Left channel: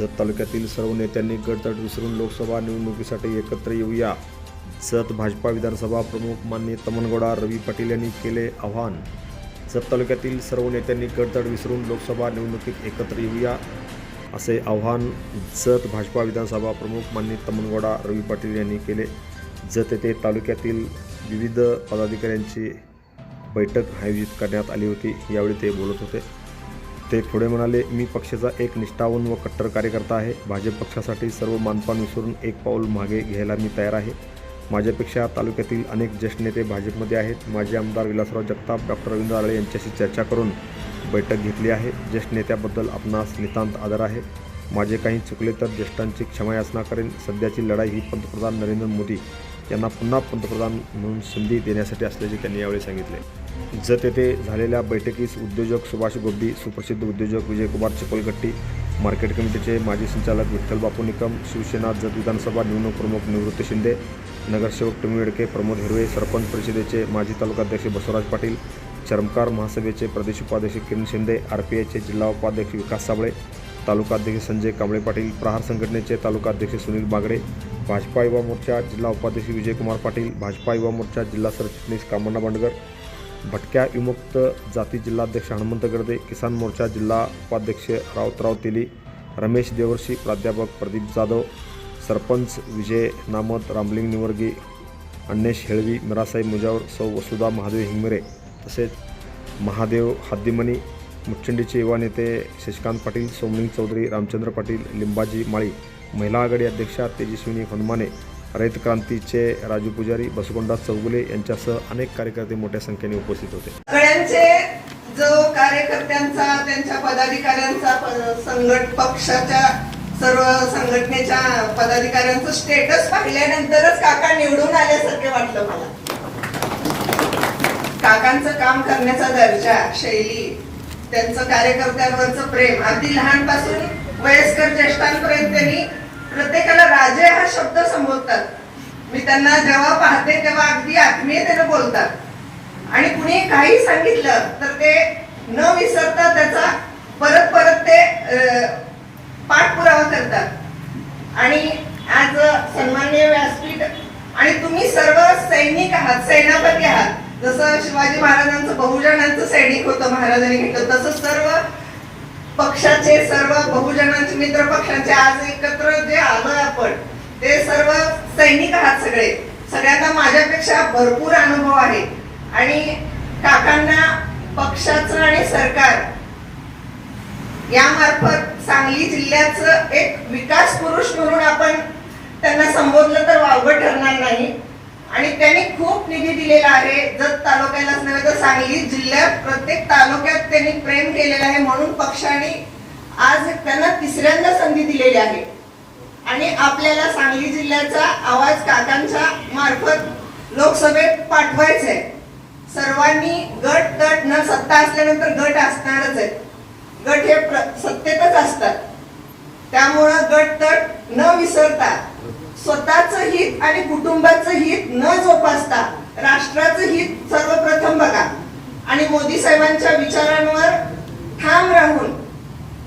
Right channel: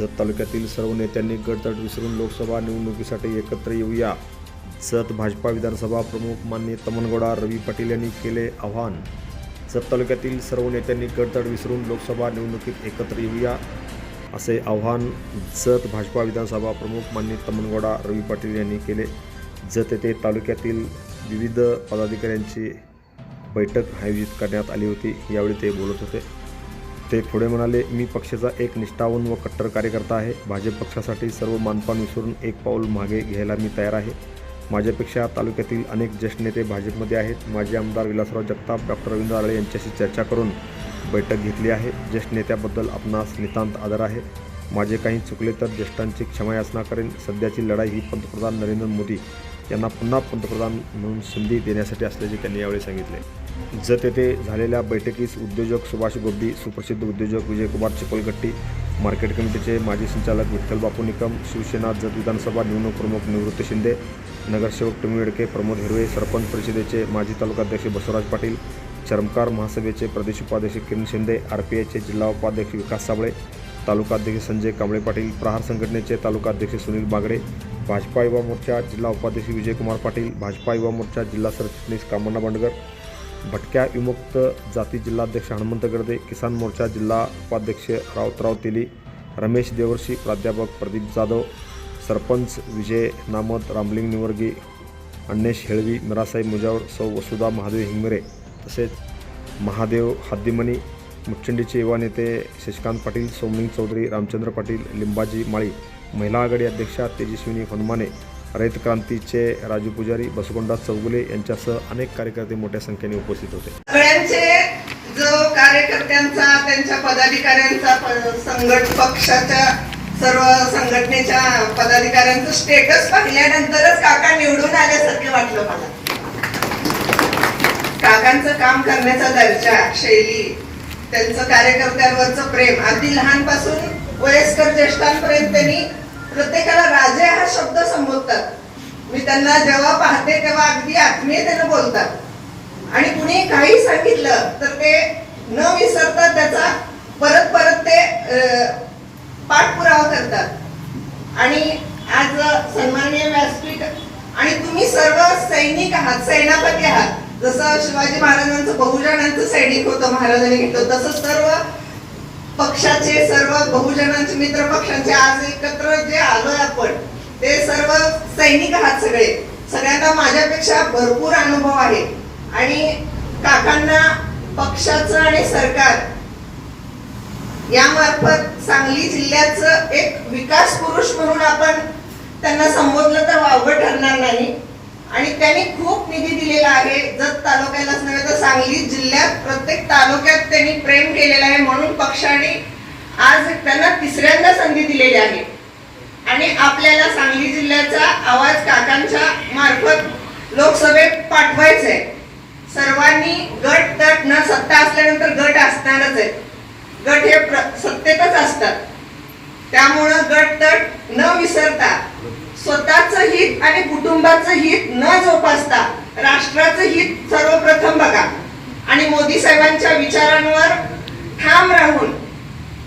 जत तालुक्यातील सर्व नेत्यांनी गडतड विसरून लोकसभा निवडणुकीसाठी एकत्र येऊया. जत भाजपा विधानसभा प्रमुख मान्य तमनगौडा रवी पाटील यांनी केले आव्हान. जत तालुक्यातील सर्व नेत्यांनी गडतड विसरून लोकसभा निवडणुकीत एकत्र येऊया असे आव्हान जत भाजपा विधानसभा प्रमुख मान्य तमनगौडा रवी पाटील यांनी केले. जत येथे तालुक्यातील विविध पदाधिकाऱ्यांची बैठक आयोजित करण्यात आली होती. यावेळी ते बोलत होते. ते पुढे म्हणाले मी पक्षाचा एक निष्ठावून व कट्टर कार्यकर्ता आहे. भाजप पक्षासाठी सर्व मानपान विसरून एक पाऊल मागे घ्यायला मी तयार आहे. माझ्यापेक्षा तालुक्यातील अनेक ज्येष्ठ नेते भाजपमध्ये आहेत. माजी आमदार विलासराव जगताप डॉक्टर रवींद्र आळे यांच्याशी चर्चा करून बैठक घेतली आहे. ज्येष्ठ नेत्याबद्दल आपणास नितांत आदर आहे. माझे काही चुकले तर ज्येष्ठांची क्षमायाचना करेन. सध्याची लढाई ही पंतप्रधान नरेंद्र मोदी यांना पुन्हा पंतप्रधान म्हणून संधी देण्यासाठी असल्याचे त्यांनी यावेळी सांगितले. जत येथे झालेल्या बैठकीस उद्योजक सुभाष गोब्डी सुप्रसिद्ध उद्योजक विजयकुमार चिपलगट्टी मार्केट कमिटीचे माजी संचालक विठ्ठल बापू निकम शिवसेना जत विधानसभा निवडणूक प्रमुख निवृत्त शिंदे नगरसेवक टमी वेडके प्रमोद हिरवे सरपंच परिषदेचे माजी तालुकाध्यक्ष बसवराज पाटील चरमकार महासभेचे प्रदेश उपाध्यक्ष किरण शिंदे आर पी आयचे जिल्हा उपाध्यक्ष विकास साबळे तालुकाध्यक्ष संजय कांबळे पाटील प्रहार संघटनेचे तालुकाध्यक्ष सुनील बागडे भाजपा युवा मोर्चा जिल्हा उपाध्यक्ष विजयकुमार पाटील भाजपा युवा मोर्चा जिल्हा सरचिटणीस कामण्णा बांडगर भटक्या विमुक्त जाती जिल्हाध्यक्ष हनुमंत गर्दे किसान मोर्चा जिल्हा उपाध्यक्ष रावतराव तेली रमेश देवर्षी प्राध्यापक प्रदीप जाधव सरपंच विजय नामत रामलिंग निवर्गी अण्णेश हेळवी मिरासाई मुजावर सौ वसुधा महादेव हिंगमिरे तसेच महादेव हद्दीमणी मुचंडीचे युवा नेते शशिकांत पाटील सोमलिंग चौधरी रामचंद्र पाटील लिंबाजी माळी महिला आघाडी अध्यक्षा तेजस्विनी हनुमाने रयत क्रांतीचे राजू पुजारी बसवंडा चौगुले यांच्यासह अनेक कार्यकर्ते मोठ्या संख्येने उपस्थित होते. सगळ्यांचे जो कार्यकर्त्यांचा त्यांच्या पदाधिकाऱ्यांचा संघट पक्षाच्या सर्व संघटनेच्या पदाधिकाऱ्यांचं स्टेटस पाहिल्यानंतरच काका निवडून आल्यासारखे वाटलं मला. काकांचं काम करण्याचा दर्जा शैली त्यांचं कार्यकर्त्यांवरचं प्रेम अगदी लहानपासून वयस्कर ज्येष्ठांपर्यंत त्यांनी प्रत्येकाला राजे हा शब्द संबोधतात. मी त्यांना जेव्हा पाहते तेव्हा अगदी आत्मीयतेनं बोलतात. आणि कुणी काही सांगितलं तर ते न विसरता त्याचा परत परत ते पाठपुरावा करतात. आणि आज सन्मान्य व्यासपीठ आणि तुम्ही सर्व सैनिक आहात सेनापती आहात. जसं शिवाजी महाराजांचं बहुजनांचं सैनिक होतं महाराजांनी घेतलं तसं सर्व पक्षाचे सर्व बहुजनांचे मित्र पक्षांचे आज एकत्र जे आलोय आपण ते सर्व सैनिक आहात सगळे. सगळ्यांना माझ्यापेक्षा भरपूर अनुभव आहे. आणि काकांना पक्षाचं आणि सरकार यामार्फत सांगली जिल्ह्याचं एक विकास पुरुष म्हणून आपण त्यांना संबोधलं तर वावगं ठरणार नाही. आणि त्यांनी खूप निधी दिलेला आहे. जत तालुक्यालाच नव्हे तर सांगली जिल्ह्यात प्रत्येक तालुक्यात त्यांनी प्रेम केलेलं आहे म्हणून पक्षाने आज त्यांना तिसऱ्यांदा संधी दिलेली आहे. आणि आपल्याला सांगली जिल्ह्याचा आवाज काकांच्या मार्फत लोकसभेत पाठवायचा आहे सर्वांनी गट तट न सत्ता असल्यानंतर गट असणारच आहे. गट हे प्र- सत्तेतच असतात. त्यामुळं गट तट न विसरता स्वतःच हित आणि कुटुंबाचं हित न जोपासता राष्ट्राचं हित सर्वप्रथम बघा. आणि मोदी साहेबांच्या विचारांवर ठाम राहून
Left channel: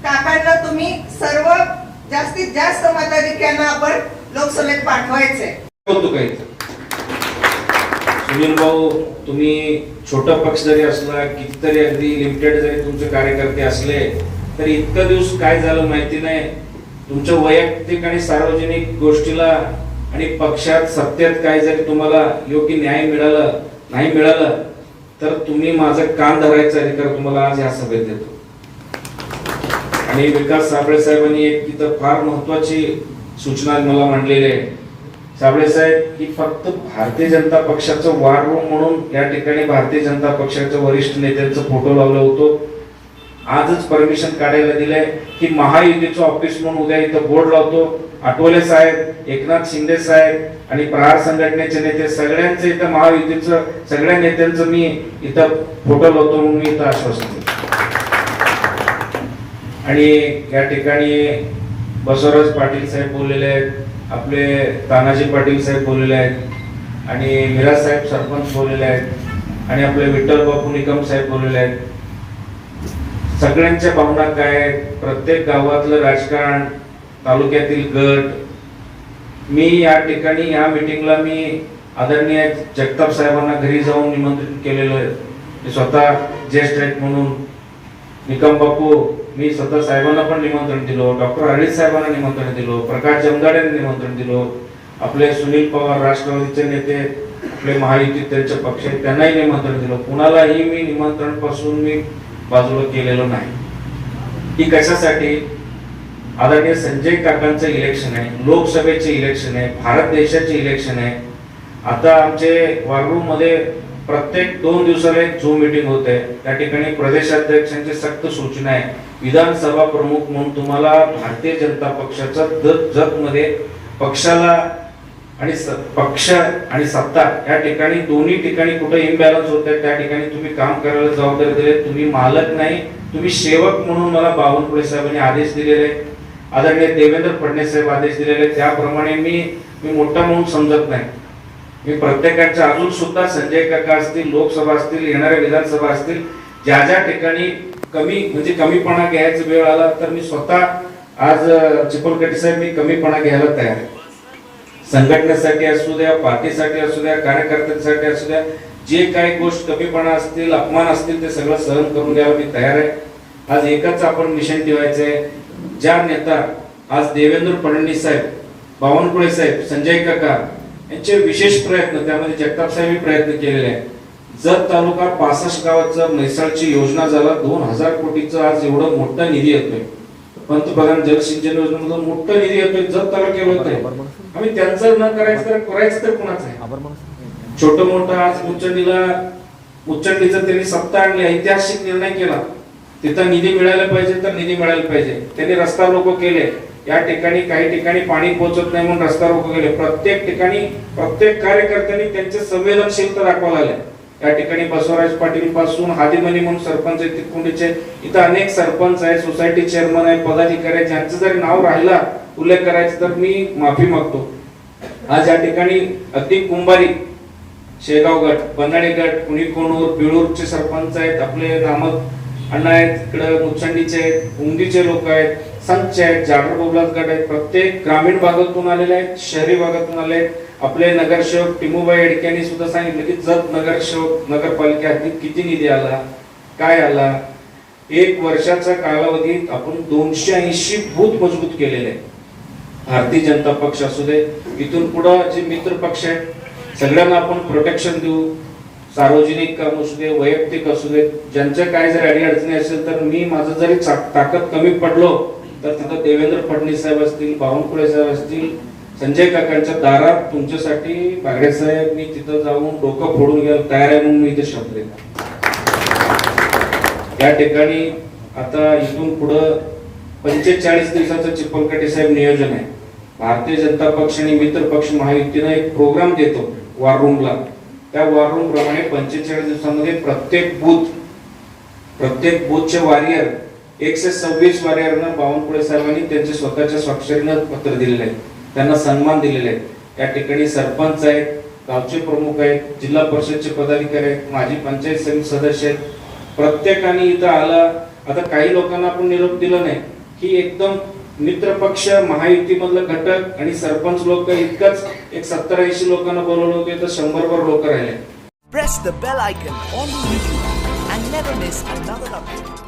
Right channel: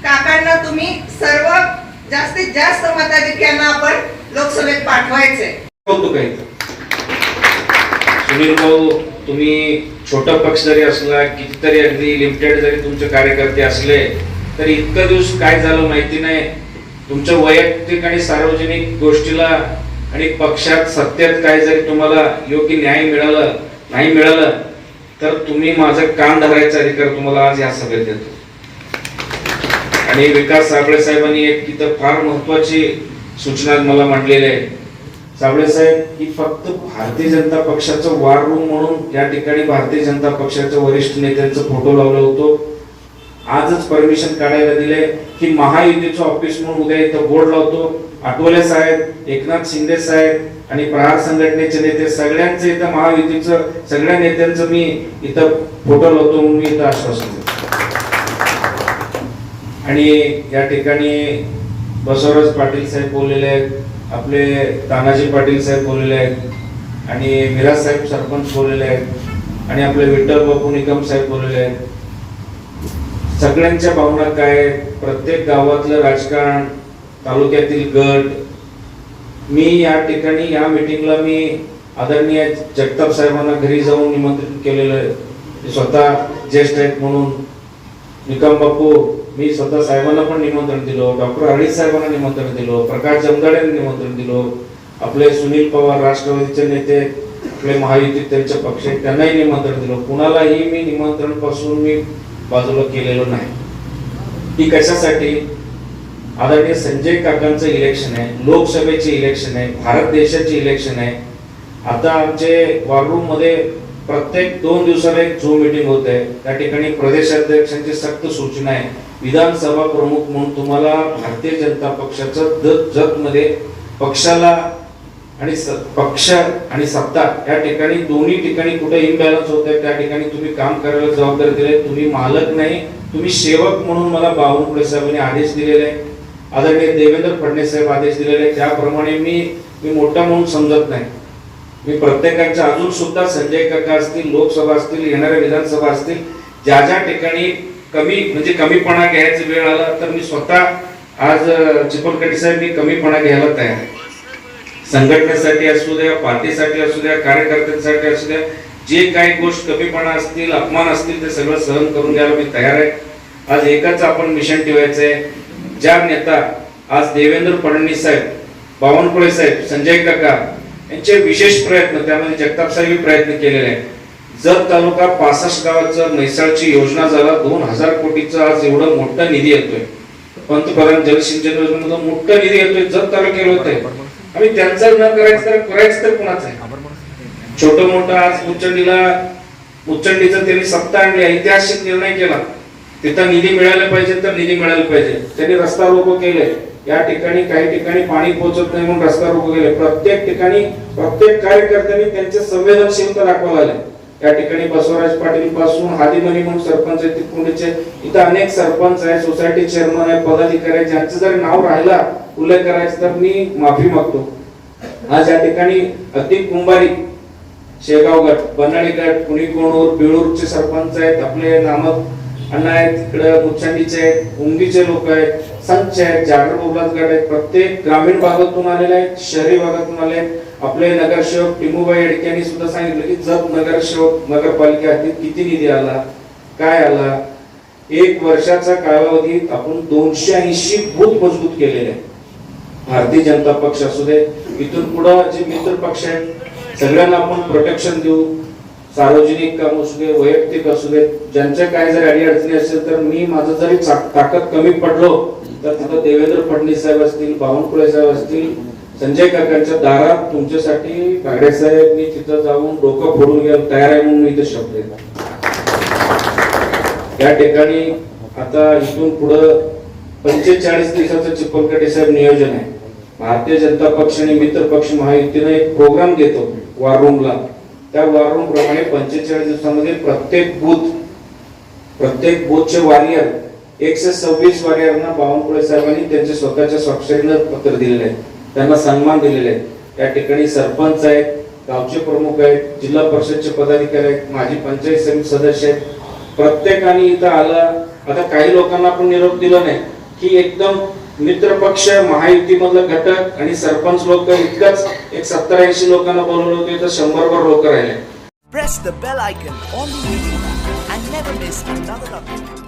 काकांना तुम्ही सर्व जास्तीत जास्त मताधिक्यांना आपण लोकसभेत पाठवायचे सुनील भाऊ तुम्ही छोटा पक्ष जरी असला कितीतरी अगदी लिमिटेड जरी तुमचे कार्यकर्ते असले तरी इतकं दिवस काय झालं माहिती नाही. तुमच्या वैयक्तिक आणि सार्वजनिक गोष्टीला आणि पक्षात सत्तेत काय जरी तुम्हाला योग्य न्याय मिळाला नाही मिळालं तर तुम्ही माझं कान धरायचा अधिकार तुम्हाला आज या सभेत देतो. आणि विकास साबळे साहेबांनी एक तिथं फार महत्वाची सूचना मला मांडलेली आहे. साबळे साहेब ही फक्त भारतीय जनता पक्षाचं वार रूम म्हणून या ठिकाणी भारतीय जनता पक्षाच्या वरिष्ठ नेत्यांचा फोटो लावलो होतो. आजच परमिशन काढायला दिलंय की महायुतीचं ऑफिस म्हणून उद्या इथं बोर्ड लावतो. आठवले साहेब एकनाथ शिंदे साहेब आणि प्रहार संघटनेचे नेते सगळ्यांचे इथं महायुतीचं सगळ्या नेत्यांचं मी इथं फोटो लावतो म्हणून मी इथं आश्वासन देतो. आणि या ठिकाणी बसवराज पाटील साहेब बोललेले आहेत आपले तानाजी पाटील साहेब बोललेले आहेत आणि मिराज साहेब सरपंच बोललेले आहेत आणि आपले विठ्ठल बापू निकम साहेब बोललेले आहेत. सगळ्यांच्या भावना काय? प्रत्येक गावातलं राजकारण तालुक्यातील गट. मी या ठिकाणी या मीटिंगला मी आदरणीय जगताप साहेबांना घरी जाऊन निमंत्रित केलेलं आहे. स्वतः ज्येष्ठ आहेत म्हणून. निकम बापू मी स्वतः साहेबांना पण निमंत्रण दिलो. डॉक्टर हरीश साहेबांना निमंत्रण दिलो. प्रकाश जमदाडे निमंत्रण दिलो. आपले सुनील पवार राष्ट्रवादीचे नेते आपले महायुती त्यांच्या पक्ष त्यांनाही निमंत्रण दिलं. कुणालाही मी निमंत्रणपासून मी बाजूला केलेलं नाही. की कशासाठी? आदरणीय संजय काकांचं इलेक्शन आहे लोकसभेचे इलेक्शन आहे भारत देशाचे इलेक्शन आहे. आता आमचे वाररूममध्ये प्रत्येक दोन दिवसाला एक झूम मीटिंग होते. त्या ठिकाणी प्रदेशाध्यक्षांची सक्त सूचना आहे. विधानसभा प्रमुख म्हणून तुम्हाला भारतीय जनता पक्षाचा जत जतमध्ये पक्षाला आणि पक्ष आणि सत्ता या ठिकाणी दोन्ही ठिकाणी कुठे इम्बॅलन्स होत आहे त्या ठिकाणी तुम्ही काम करायला जबाबदारी दिले तुम्ही मालक नाही तुम्ही सेवक म्हणून मला बावनकुळे साहेबांनी आदेश दिलेले आदरणीय देवेंद्र फडणवीस साहेब आदेश दिलेले त्याप्रमाणे मी मी मोठा म्हणून समजत नाही. मी प्रत्येकाच्या अजून सुद्धा संजय काका असतील लोकसभा असतील येणाऱ्या विधानसभा असतील ज्या ज्या ठिकाणी कमी म्हणजे कमीपणा घ्यायचा वेळ आला तर मी स्वतः आज चिपलकटी साहेब मी कमीपणा घ्यायला तयार आहे. संघटनेसाठी असू द्या पार्टीसाठी असू द्या कार्यकर्त्यांसाठी असू द्या जे काही गोष्ट कमीपणा असतील अपमान असतील ते सगळं सहन करून घ्यायला मी तयार आहे. आज एकाच आपण मिशन ठेवायचं आहे ज्या नेता आज देवेंद्र फडणवीस साहेब बावनकुळे साहेब संजय काका यांचे विशेष प्रयत्न त्यामध्ये जगताप साहेब प्रयत्न केलेले आहेत. जत तालुका पासष्ट गावाचं म्हैसाळची योजना झाला. दोन हजार कोटीचं आज एवढं मोठा निधी येतोय. पंतप्रधान जलसिंचन योजनेमधून मोठा निधी येतोय. जत तालुक्याला येतोय. आम्ही त्यांचं न करायचं तर करायचं तर कोणाचं आहे? छोट मोठा आज उच्चंडीला उच्चंडीचं त्यांनी सत्ता आणली ऐतिहासिक निर्णय केला. तिथं निधी मिळायला पाहिजे तर निधी मिळायला पाहिजे. त्यांनी रस्ता रोको केले. या ठिकाणी काही ठिकाणी पाणी पोहोचत नाही म्हणून रस्ता रोको केले. प्रत्येक ठिकाणी प्रत्येक कार्यकर्त्यांनी त्यांचे संवेदनशीलता दाखवायला आले या ठिकाणी बसवराज पाटील पासून हादिमनी म्हणून सरपंच आहेत तिकोंडीचे इथं अनेक सरपंच आहे सोसायटी चेअरमन आहे पदाधिकारी आहे ज्यांचं जरी नाव राहिला उल्लेख करायचा तर मी माफी मागतो. आज या ठिकाणी अति कुंभारी शेगाव गट बनाळे गट कुणी कोणूर बिळूरचे सरपंच आहेत आपले नामक अण्णा आहेत इकडं मुचंडीचे आहेत उंगीचे लोक आहेत संच आहेत जागर बोबलात गट आहेत प्रत्येक ग्रामीण भागातून आलेले आहेत शहरी भागातून आले आहेत. आपले नगरसेवक टिमूबाई अडक्यांनी यांनी सुद्धा सांगितलं की जत नगरसेवक नगरपालिका किती निधी आला काय आला? एक वर्षाचा कालावधीत आपण दोनशे ऐंशी बूथ मजबूत केलेले आहेत. भारतीय जनता पक्ष असू दे इथून पुढे जे मित्र पक्ष आहेत सगळ्यांना आपण प्रोटेक्शन देऊ. सार्वजनिक काम असू दे वैयक्तिक असू दे ज्यांच्या काय जर अडी अडचणी असेल तर मी माझं जरी ताकद कमी पडलो तर तिथं देवेंद्र फडणवीस साहेब असतील बावनकुळे साहेब असतील संजय काकांच्या दारात तुमच्यासाठी बागडे साहेब मी तिथं जाऊन डोकं फोडून घ्यायला तयार आहे म्हणून मी इथे शब्द या ठिकाणी आता इथून पुढं पंचेचाळीस दिवसाचं चिपलकटे साहेब नियोजन आहे. भारतीय जनता पक्ष आणि मित्र पक्ष महायुतीनं एक प्रोग्राम देतो वॉर रूमला त्या वॉर रूम प्रमाणे पंचेचाळीस दिवसामध्ये प्रत्येक बूथ प्रत्येक बूथचे वारियर एकशे सव्वीस वारियरना बावनकुळे साहेबांनी त्यांच्या स्वतःच्या स्वाक्षरीनं पत्र दिलेले आहेत. त्यांना सन्मान दिलेले आहेत. त्या ठिकाणी सरपंच आहेत गावचे प्रमुख आहेत जिल्हा परिषदचे पदाधिकारी आहेत माजी पंचायत समिती सदस्य आहेत. प्रत्येकाने इथं आला. आता काही लोकांना आपण निरोप दिला नाही की एकदम मित्रपक्ष महायुती मधलं घटक आणि सरपंच लोक इतकंच एक सत्तर ऐंशी लोकांना बोलवलं होते तर शंभरभर लोक राहिले Press the bell icon on the YouTube and never miss another update.